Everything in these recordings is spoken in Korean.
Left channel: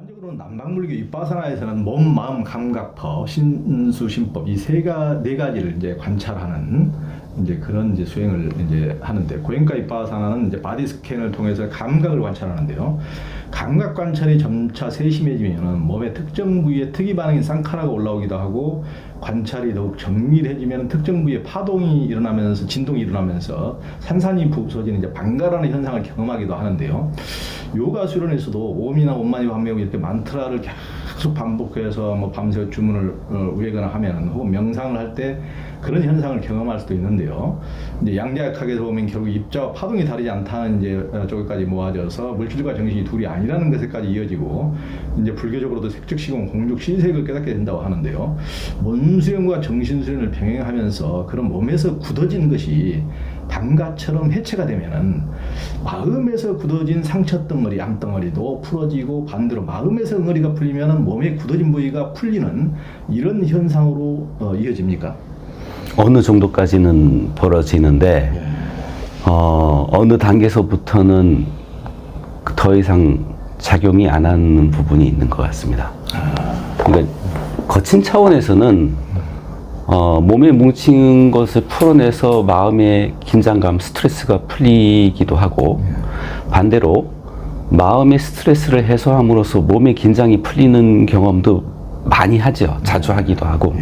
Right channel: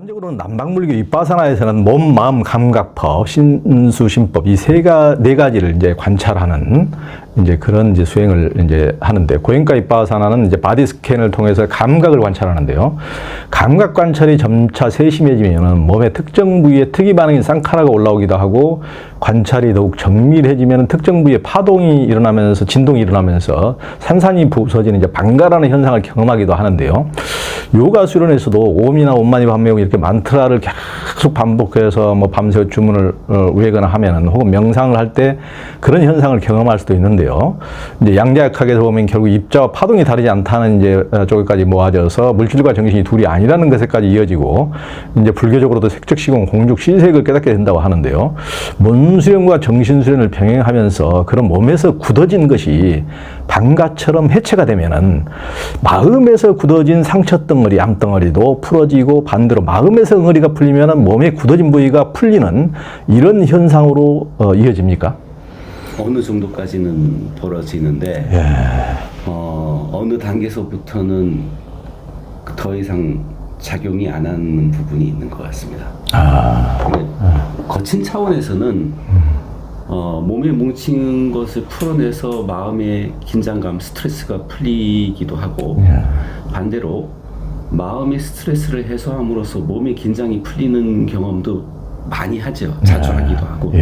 일반적으로는 남방불교 윗바사나에서는 몸, 마음, 감각법, 신수심법 이 네 가지를 이제 관찰하는 이제 그런 이제 수행을 이제 하는데, 고행과 윗바사나는 이제 바디 스캔을 통해서 감각을 관찰하는데요. 감각 관찰이 점차 세심해지면은 몸의 특정 부위에 특이 반응인 쌍카라가 올라오기도 하고, 관찰이 더욱 정밀해지면 특정 부위에 파동이 일어나면서 진동이 일어나면서 산산이 부서지는 이제 반가라는 현상을 경험하기도 하는데요. 요가 수련에서도 옴이나 옴마니 밤매고 이렇게 만트라를 계속 반복해서 뭐 밤새 주문을 외거나 하면은, 혹은 명상을 할 때 그런 현상을 경험할 수도 있는데요. 이제 양자역학에서 보면 결국 입자와 파동이 다르지 않다는 이제 쪽에까지 모아져서 물질과 정신이 둘이 아니라는 것에까지 이어지고, 이제 불교적으로도 색적시공, 공죽, 시색을 깨닫게 된다고 하는데요. 몸수련과 정신수련을 병행하면서 그런 몸에서 굳어진 것이 방가처럼 해체가 되면은, 마음에서 굳어진 상처 덩어리, 암덩어리도 풀어지고, 반대로 마음에서 응어리가 풀리면은 몸에 굳어진 부위가 풀리는 이런 현상으로 이어집니까? 어느 정도까지는 벌어지는데, 어느 단계에서부터는 더 이상 작용이 안 하는 부분이 있는 것 같습니다. 그러니까 거친 차원에서는 몸에 뭉친 것을 풀어내서 마음의 긴장감, 스트레스가 풀리기도 하고, 반대로 마음의 스트레스를 해소함으로써 몸의 긴장이 풀리는 경험도 많이 하죠. 자주 하기도 하고.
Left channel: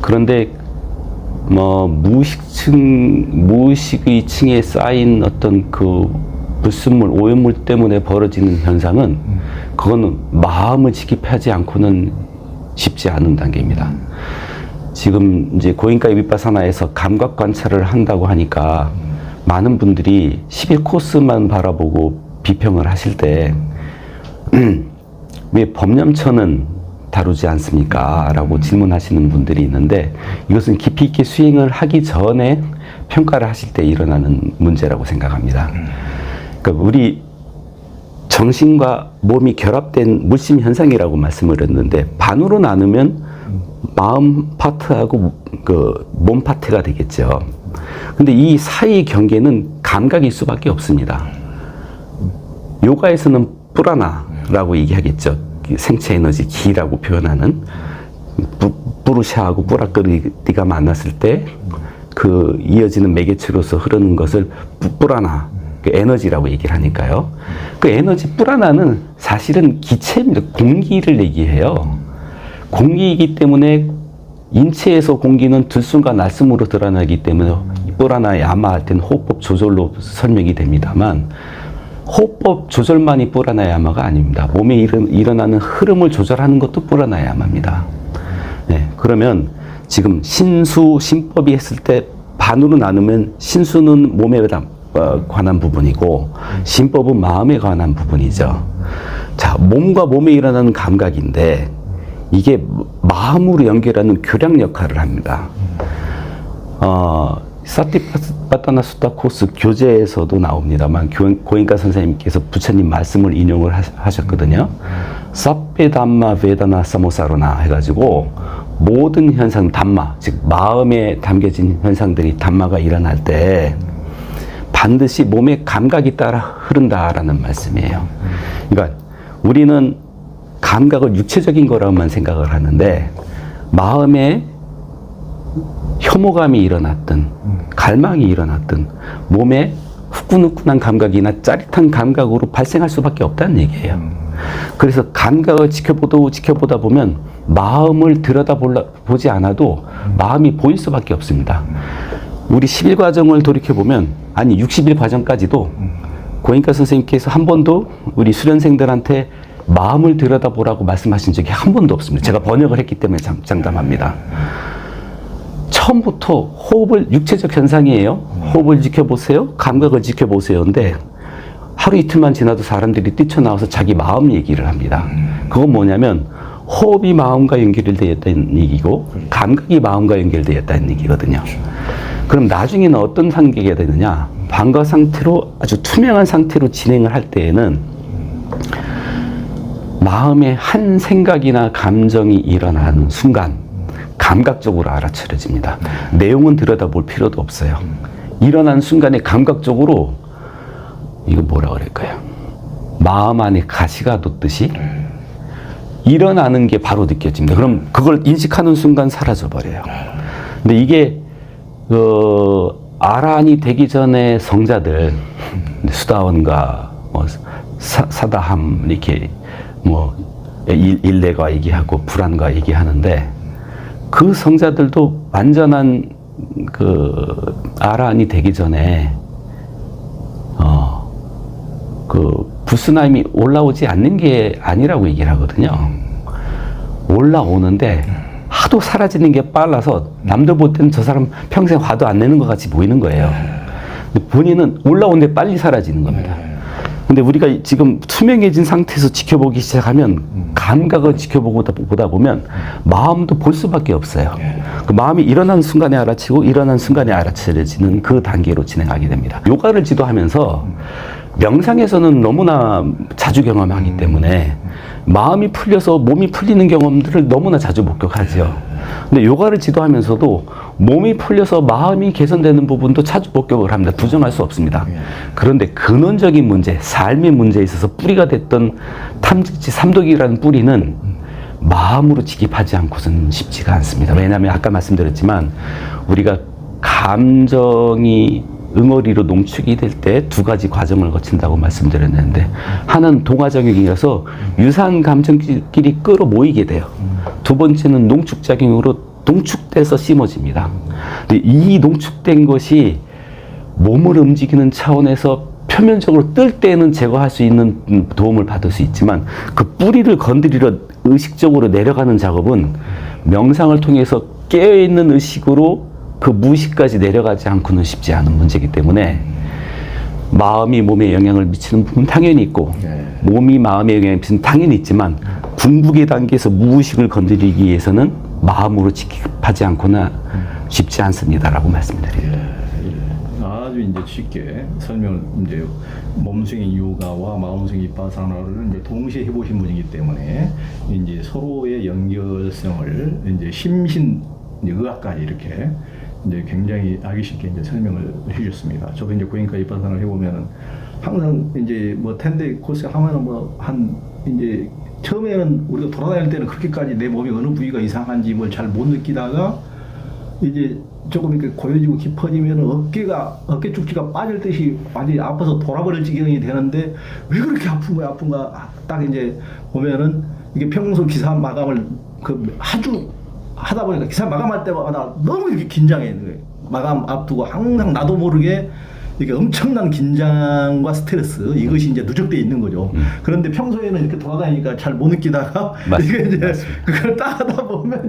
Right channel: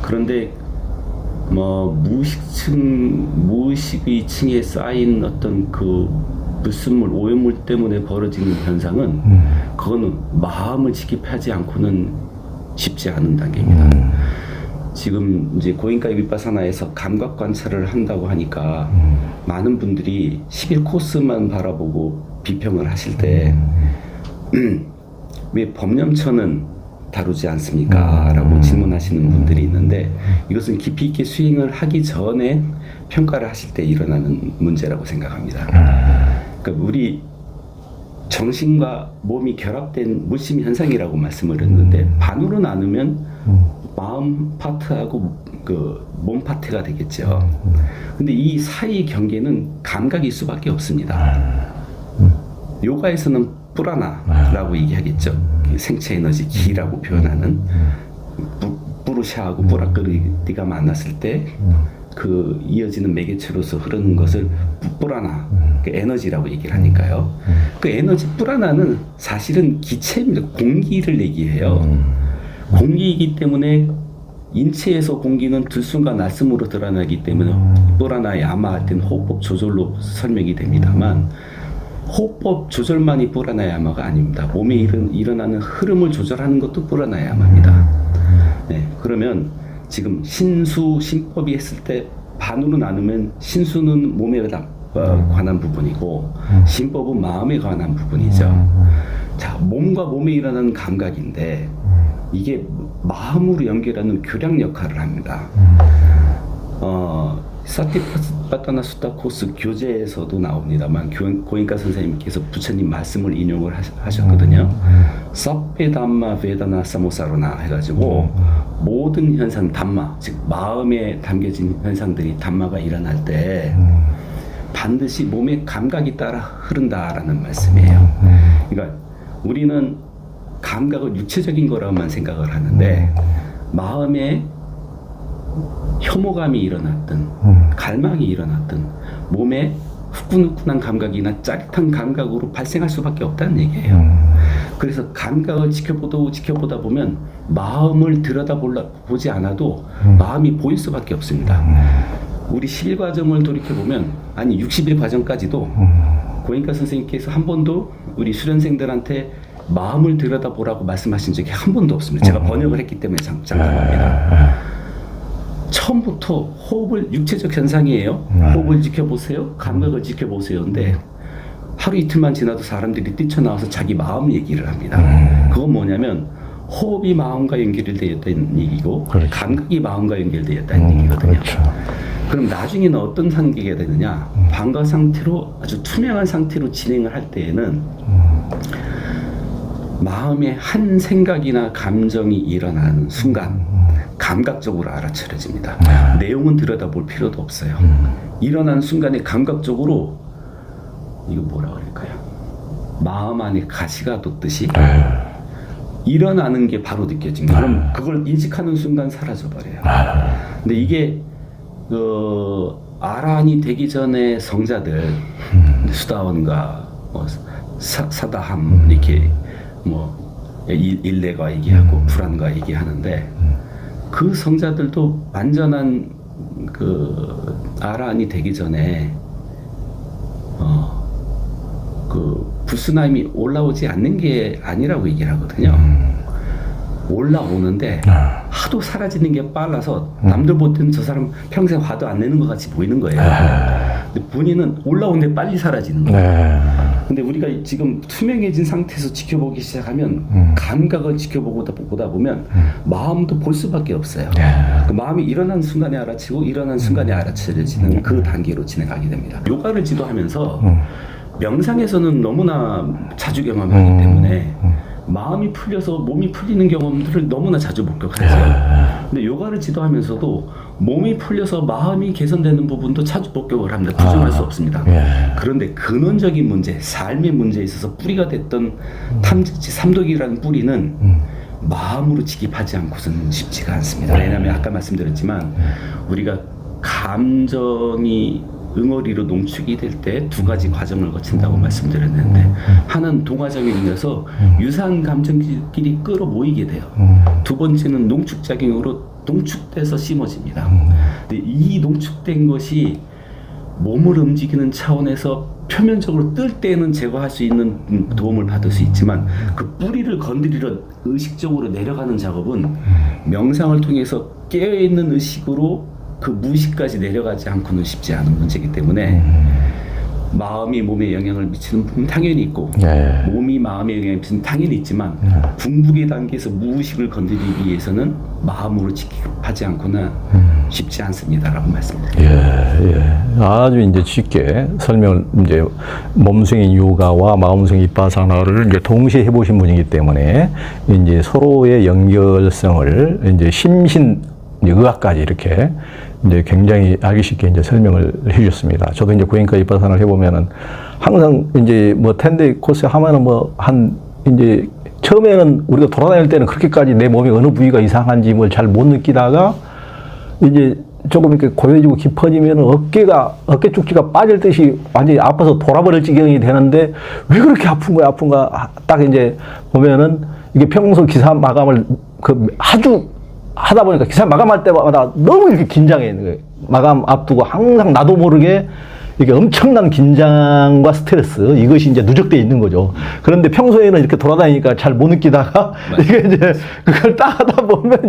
그런데 뭐 무의식의 층에 쌓인 어떤 그 불순물, 오염물 때문에 벌어지는 현상은 그거는 마음을 지킵하지 않고는 쉽지 않은 단계입니다. 지금 이제 고행과 윗바사나에서 감각 관찰을 한다고 하니까 많은 분들이 11코스만 바라보고 비평을 하실 때 왜 법념처는 다루지 않습니까? 라고 질문하시는 분들이 있는데, 이것은 깊이 있게 수행을 하기 전에 평가를 하실 때 일어나는 문제라고 생각합니다. 그러니까 우리 정신과 몸이 결합된 물심 현상이라고 말씀을 했는데, 반으로 나누면 마음 파트하고 그 몸 파트가 되겠죠. 근데 이 사이의 경계는 감각일 수밖에 없습니다. 요가에서는 뿌라나라고 얘기하겠죠. 생체 에너지, 기라고 표현하는, 부르샤하고 뿌라끄리가 만났을 때 그 이어지는 매개체로서 흐르는 것을 뿌라나, 그 에너지라고 얘기를 하니까요. 그 에너지 뿌라나는 사실은 기체입니다. 공기를 얘기해요. 공기이기 때문에 인체에서 공기는 들숨과 날숨으로 드러나기 때문에 뿌라나 야마 할 때는 호흡법 조절로 설명이 됩니다만, 호흡법 조절만이 뿌라나 야마가 아닙니다. 몸에 일어나는 흐름을 조절하는 것도 뿌라나 야마입니다. 네, 그러면 지금 신수, 신법이 했을 때 반으로 나누면, 신수는 몸에 관한 부분이고 신법은 마음에 관한 부분이죠. 자, 몸과 몸에 일어나는 감각인데 이게 마음으로 연결하는 교량 역할을 합니다. 사티파타나 수타 코스 교재에서도 나옵니다만, 고행가 선생님께서 부처님 말씀을 인용을 하셨거든요. 사페 담마 베다나 사모사로나 해가지고 모든 현상, 담마, 즉 마음에 담겨진 현상들이 담마가 일어날 때 반드시 몸의 감각이 따라 흐른다라는 말씀이에요. 그러니까 우리는 감각을 육체적인 거라고만 생각을 하는데, 마음에 혐오감이 일어났든 갈망이 일어났든 몸에 후끈후끈한 감각이나 짜릿한 감각으로 발생할 수밖에 없다는 얘기예요. 그래서 감각을 지켜보다 보면 마음을 들여다보지 않아도 마음이 보일 수밖에 없습니다. 우리 10일 과정을 돌이켜보면, 아니 60일 과정까지도 고행가 선생님께서 한 번도 우리 수련생들한테 마음을 들여다보라고 말씀하신 적이 한 번도 없습니다. 제가 번역을 했기 때문에 장담합니다. 처음부터 호흡을, 육체적 현상이에요. 호흡을 지켜보세요. 감각을 지켜보세요인데, 하루 이틀만 지나도 사람들이 뛰쳐나와서 자기 마음 얘기를 합니다. 그건 뭐냐면 호흡이 마음과 연결되어 있다는 얘기고, 그렇죠. 감각이 마음과 연결되어 있다는 얘기거든요. 그렇죠. 그럼 나중에는 어떤 단계가 되느냐? 방과 상태로, 아주 투명한 상태로 진행을 할 때에는 마음에 한 생각이나 감정이 일어나는 순간 감각적으로 알아차려집니다. 내용은 들여다볼 필요도 없어요. 일어난 순간에 감각적으로, 이거 뭐라 그럴까요? 마음 안에 가시가 돋듯이 일어나는 게 바로 느껴집니다. 그럼 그걸 인식하는 순간 사라져 버려요. 근데 이게 아란이 되기 전에 성자들 수다원과 뭐 사다함 이렇게 뭐 일레가 얘기하고 불안과 얘기하는데 그 성자들도 완전한 그 아란이 되기 전에 그 부스나임이 올라오지 않는 게 아니라고 얘기를 하거든요. 올라오는데 하도 사라지는 게 빨라서 남들 볼 때는 저 사람 평생 화도 안 내는 것 같이 보이는 거예요. 근데 본인은 올라오는데 빨리 사라지는 거예요. 근데 우리가 지금 투명해진 상태에서 지켜보기 시작하면 감각을 지켜보다 보면 마음도 볼 수밖에 없어요. 그 마음이 일어난 순간에 알아채고 일어난 순간에 알아차려지는 그 단계로 진행하게 됩니다. 요가를 지도하면서 명상에서는 너무나 자주 경험하기 때문에 마음이 풀려서 몸이 풀리는 경험들을 너무나 자주 목격하죠. 근데 요가를 지도하면서도 몸이 풀려서 마음이 개선되는 부분도 자주 목격을 합니다. 부정할 수 없습니다. 그런데 근원적인 문제, 삶의 문제에 있어서 뿌리가 됐던 탐직지 삼독이라는 뿌리는 마음으로 직입하지 않고서는 쉽지가 않습니다. 왜냐하면 아까 말씀드렸지만 우리가 감정이 응어리로 농축이 될 때 두 가지 과정을 거친다고 말씀드렸는데 하나는 동화작용이어서 유사한 감정끼리 끌어모이게 돼요. 두 번째는 농축작용으로 농축돼서 심어집니다. 근데 이 농축된 것이 몸을 움직이는 차원에서 표면적으로 뜰 때는 제거할 수 있는 도움을 받을 수 있지만 그 뿌리를 건드리러 의식적으로 내려가는 작업은 명상을 통해서 깨어있는 의식으로 그 무의식까지 내려가지 않고는 쉽지 않은 문제이기 때문에 마음이 몸에 영향을 미치는 부분은 당연히 있고 몸이 마음에 영향을 미치는 당연히 있지만 궁극의 단계에서 무의식을 건드리기 위해서는 마음으로 직입하지 않고는 쉽지 않습니다라고 말씀드립니다. 아주 이제 쉽게 설명을 이제 몸숭이 요가와 마음숭이 비파사나를 이제 동시에 해보신 분이기 때문에 이제 서로의 연결성을 이제 심신 의학까지 이렇게 이제 굉장히 알기 쉽게 이제 설명을 해주셨습니다. 저도 이제 고행과 비파사나를 해보면은 항상 이제 뭐 10데이 코스 하면은 뭐 이제 처음에는 우리가 돌아다닐 때는 그렇게까지 내 몸에 어느 부위가 이상한지 뭘 잘 못 느끼다가 이제 조금 이렇게 고여지고 깊어지면 어깨 쭉지가 빠질 듯이 완전히 아파서 돌아버릴 지경이 되는데 왜 그렇게 아픈가 딱 이제 보면은 이게 평소 기사 마감을 아주 하다 보니까 기사 마감할 때마다 너무 이렇게 긴장해 있는 거예요. 마감 앞두고 항상 나도 모르게 이게 엄청난 긴장과 스트레스 이것이 이제 누적되어 있는 거죠. 그런데 평소에는 이렇게 돌아다니니까 잘 못 느끼다가 이게 이제 그걸 딱 하다 보면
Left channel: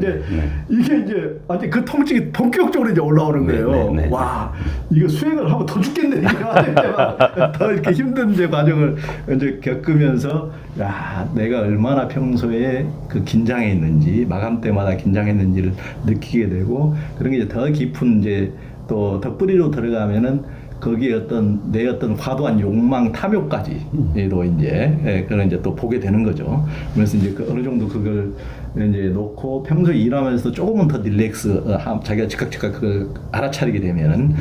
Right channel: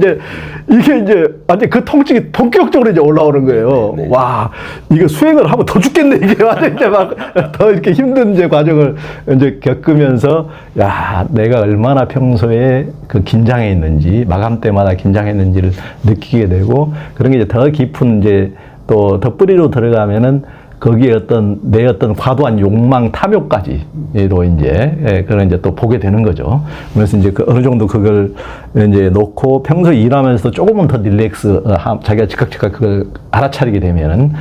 이게 이제 완전 그 통증이 본격적으로 이제 올라오는 거예요. 와, 이거 수행을 하면 더 죽겠네 이게 완전 이제 막 더 이렇게 힘든 이제 과정을 이제 겪으면서 야, 내가 얼마나 평소에 그 긴장해 있는지 마감 때마다 긴장했는지를 느끼게 되고 그런 게 이제 더 깊은 이제 또 덧뿌리로 들어가면은 거기에 내 어떤 과도한 욕망, 탐욕까지도 이제, 그런 이제 또 보게 되는 거죠. 그래서 이제 어느 정도 그걸 이제 놓고 평소 일하면서도 조금은 더 릴렉스, 자기가 즉각 그걸 알아차리게 되면은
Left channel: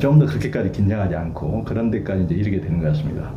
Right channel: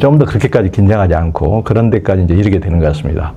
좀 더 그렇게까지 긴장하지 않고 그런 데까지 이제 이르게 되는 것 같습니다.